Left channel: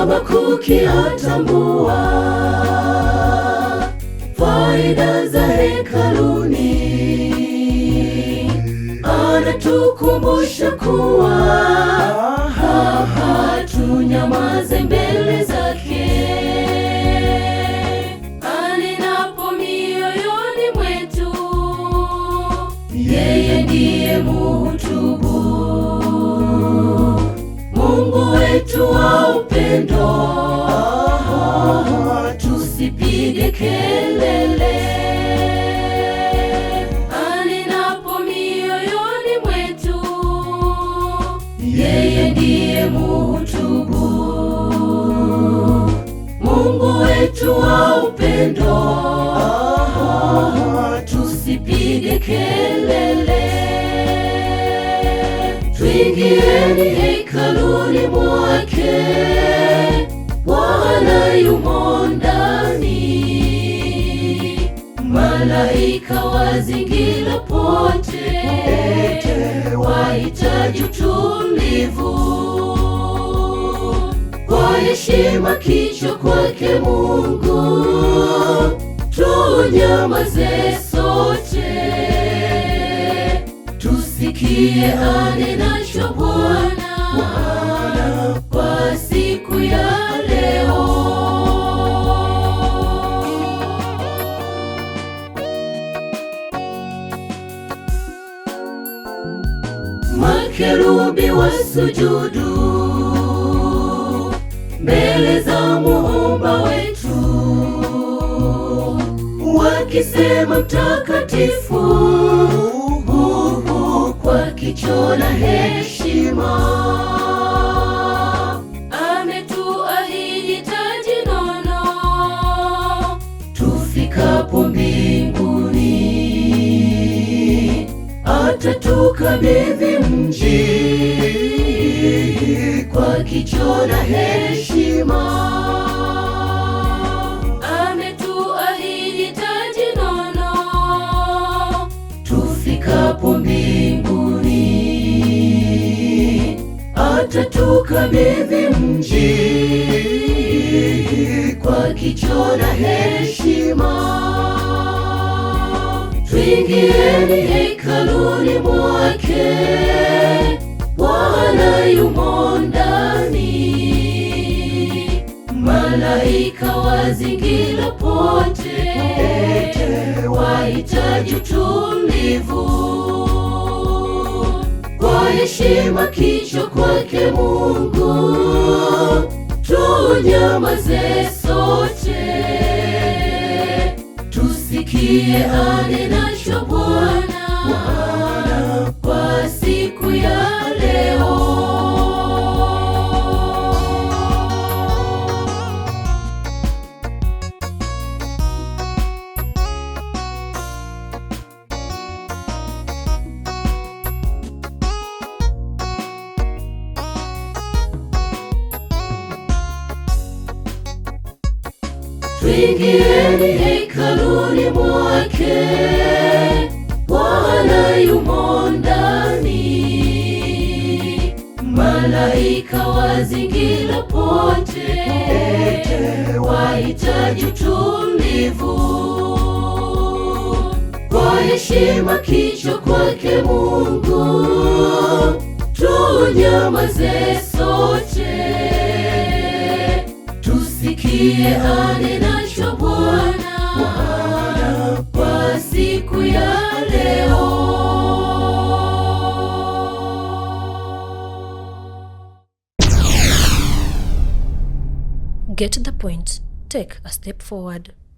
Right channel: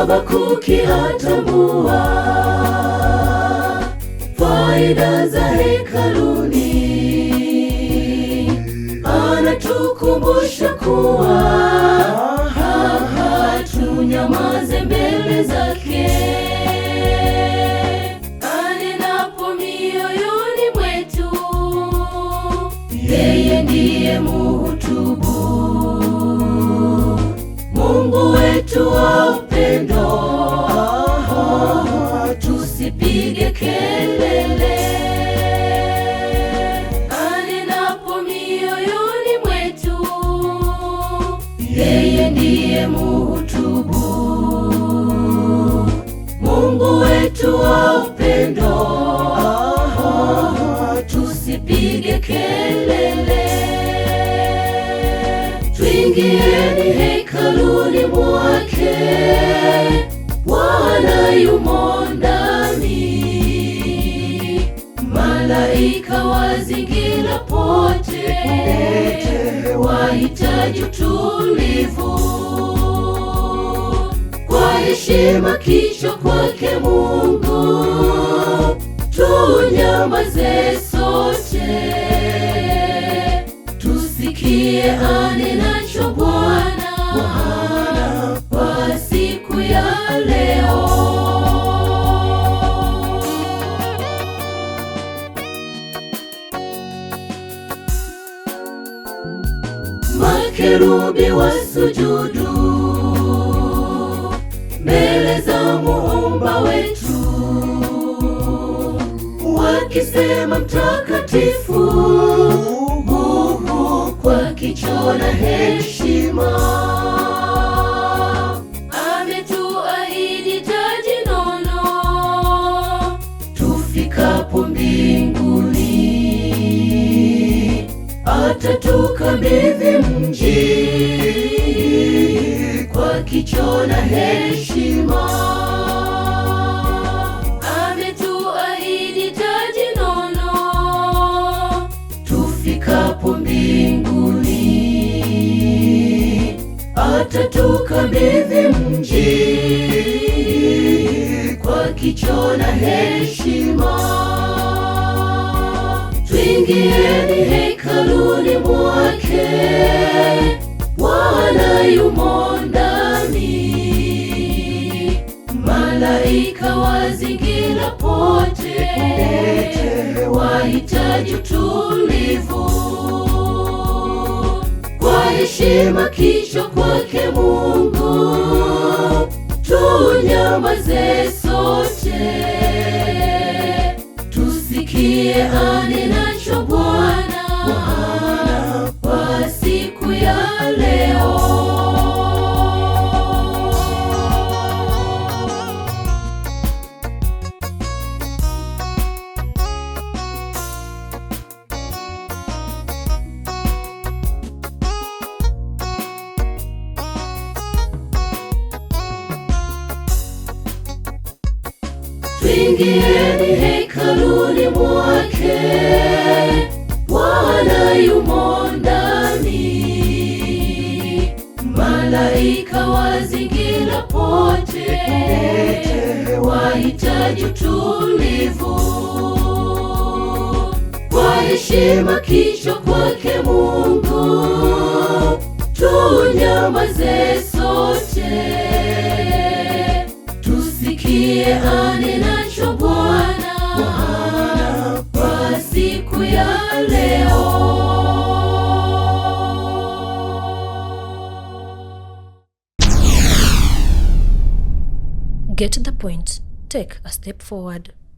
Habakuki atambua faida za hekaluni, anatukumbusha kuwa tunyamaze mbele zake. Anenapo mioyoni mwetu, yeye ndiye muhutubu. Mungu wetu wa upendo, tusipige kelele. Anenapo mioyoni mwetu, yeye ndiye muhutubu. Mungu wetu wa upendo, tusipige kelele. Tuingieni hekaluni mwake, Bwana yumo ndani. Malaika wazingira pote, wahitaji utulivu. Kwa heshima kicho kwake Mungu, tunyamaze sote, tusikie anenacho Bwana kwa siku ya leo. Makerubi wasujudu mbele za Muumba wetu, wakisema mtakatifu, kwa kicho na heshima. Ametuahidi taji nono, tufikapo mbinguni. Atatukabidhi mji kwa kicho na heshima. Ametuahidi taji nono, tufikapo mbinguni. Atatukabidhi mji kwa kicho na heshima. Tuingieni hekaluni mwake, Bwana yumo ndani. Malaika wazingira pote, wahitaji utulivu. Kwa heshima kicho kwake Mungu, tunyamaze sote, tusikie anenacho Bwana kwa siku ya leo. Tuingieni hekaluni mwake, Bwana yumo ndani. Malaika wazingira pote, wahitaji utulivu. Kwa heshima kicho kwake Mungu, tunyamaze sote, tusikie anenacho Bwana kwa siku ya leo. Get the point. Take a step forward.